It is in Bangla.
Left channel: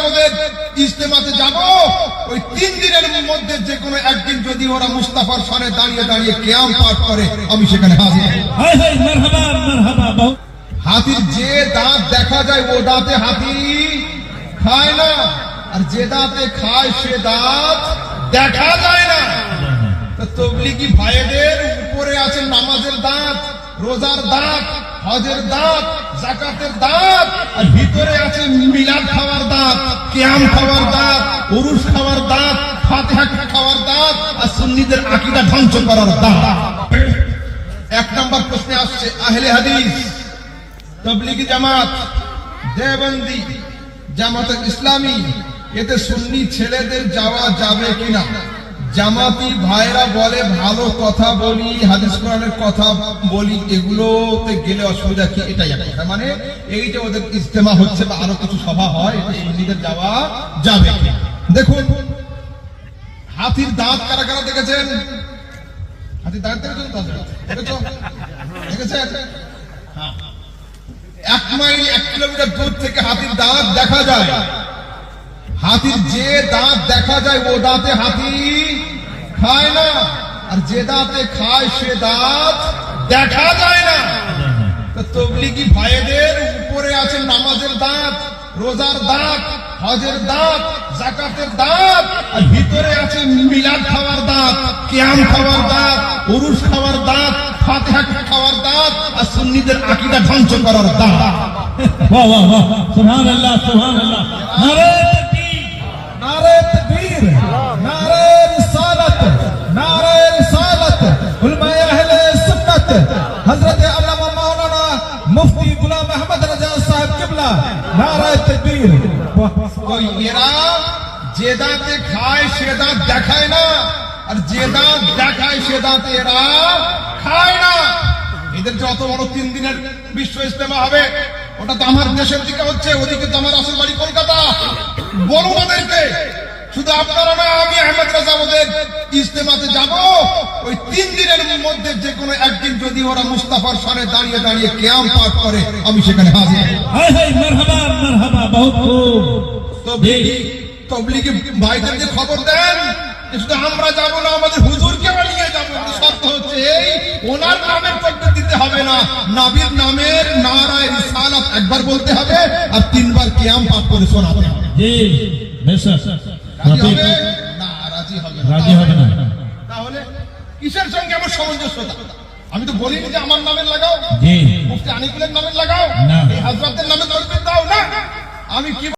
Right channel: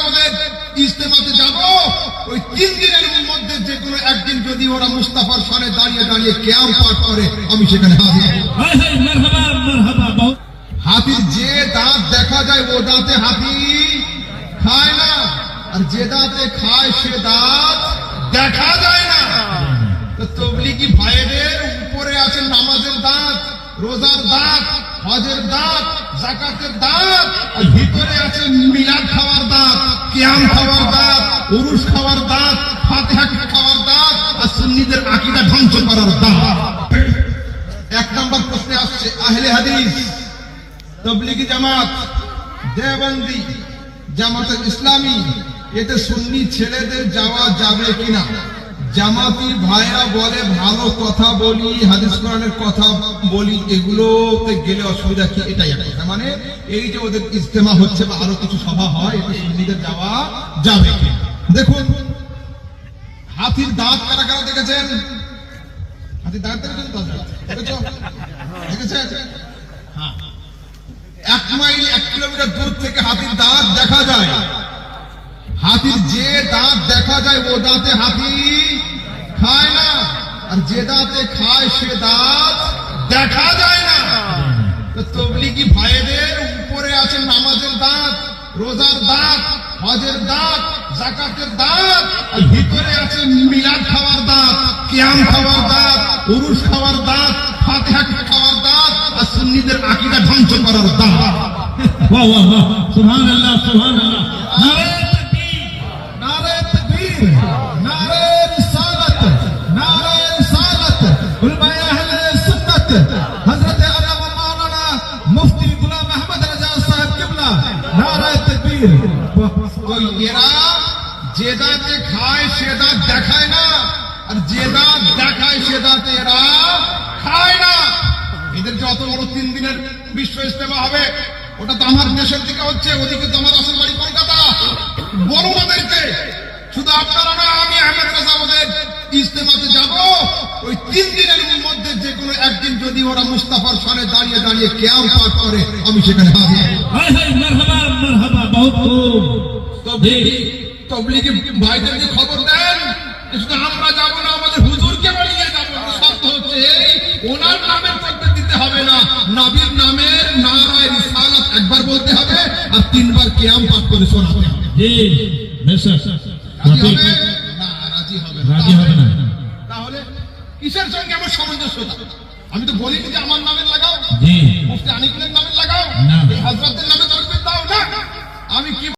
যাবদের ইজতেমাতে যাব, ওই 3 দিনের মধ্যে যে কোনো একদিন যদি ওরা মুস্তাফার সামনে দাঁড়িয়ে দাঁড়িয়ে কিয়াম পাঠ করে, আমি সেখানে হাজির হব। হাতির যে দাঁত দেখা যায় ও দাঁতে হাতি খায় না, আর যে দাঁতে খায় সে দাঁত দেখা যায় না। তো তবলিগি ভাইদের উপরে আছে নামাজের দাঁত, রোজার দাঁত, হজের দাঁত, যাকাতের দাঁত, আর ভিতরে আছে মিলাদ খাওয়ার দাঁত, কিয়াম খাওয়ার দাঁত, উরুস খাওয়ার দাঁত, ফাতিহা খাওয়ার দাঁত, আর সুন্নিদের আকীদা ধ্বংস করার দাঁত। 1 নম্বর প্রশ্নে আসছে আহলে হাদিস, তবলিগি জামাত, দেওবন্দি, জামাতে ইসলামী, এতে সুন্নি ছেলেদের যাওয়া যাবে কিনা? জামাতি ভাইরা বলে ভালো কথা বলি, হাদিস কোরআনের কথা বলি, এগুলোতে গেলে অসুবিধা কি? এটাই মানে এই যে ওদের ইজতেমা হচ্ছে বা আরো কিছু সভা হয়, এতে সুন্নিদের যাওয়া যাবে কি? দেখুন, হাতির দাঁত কারা কারা দেখেছেন? হাতির দাঁত দেখেছেন? 1 মাইল 1 কিলোমিটার দূর থেকে হাতির দাঁত দেখা যায়। হাতির যে দাঁত দেখা যায় ও দাঁতে হাতি খায় না, আর যে দাঁতে খায় সে দাঁত দেখা যায় না। তো তবলিগি ভাইদের উপরে আছে নামাজের দাঁত, রোজার দাঁত, হজের দাঁত, যাকাতের দাঁত, আর ভিতরে আছে মিলাদ খাওয়ার দাঁত, কিয়াম খাওয়ার দাঁত, উরুস খাওয়ার দাঁত, ফাতিহা খাওয়ার দাঁত, আর সুন্নিদের আকীদা ধ্বংস করার দাঁত। বাহ বাহ বাহ, সুবহানাল্লাহ সুবহানাল্লাহ। নারে তাকবীর, নারে তাকবীর, নারে রিসালাত, নারে রিসালাত, উলামায়ে আহলে সুন্নাত, হযরত আল্লামা মাওলানা মুফতি গোলাম আহমদ রাজা সাহেব কিবলা, নারে তাকবীর। ওই এরা যে দাঁতে খায় সে দাঁত দেখায় না, আর যে দাঁত দেখায় সে দাঁত এরা খায় না। এদের যত বড় 3 দিনের বিশ্ব ইজতেমা হবে, ওটা তো আমার দেশের দিকে হচ্ছে, ওদিকে তো আমার আসল বাড়ি কলকাতা। বলুন ওদেরকে, শুধু আপনারা না, আমি আহমেদ রেজা ওদের ইজতেমাতে যাব, ওই 3 দিনের মধ্যে যে কোনো একদিন যদি ওরা মুস্তাফার সামনে দাঁড়িয়ে দাঁড়িয়ে কিয়াম পাঠ করে, আমি সেখানে হাজির হব। মারহাবা মারহাবা, বহুত খুব। তবলিগি ভাইদেরকে খবর দেন, শুধু আমরা যাব না, আমাদের হুজুরকে নিয়ে যাবো। শর্ত হচ্ছে এই, ওনার নামের তাকবীর দিতে হবে না, নবীর নামের নারায়ে রিসালাত একবার বলতে হবে, আর 3 বার কিয়াম পাঠ করে শোনাতে হবে। জি মেসা রাজি হবে না? রাজি হবে না। তাহলে কিসের সঙ্গে আমার সামঞ্জস্যতা? আমি তো বলিনি যে আমার নামের লাগাও, জি মুফতি আনিকুলের নামের লাগাও, এই হযরতের নামে তাকবীর দাও না। আমি কি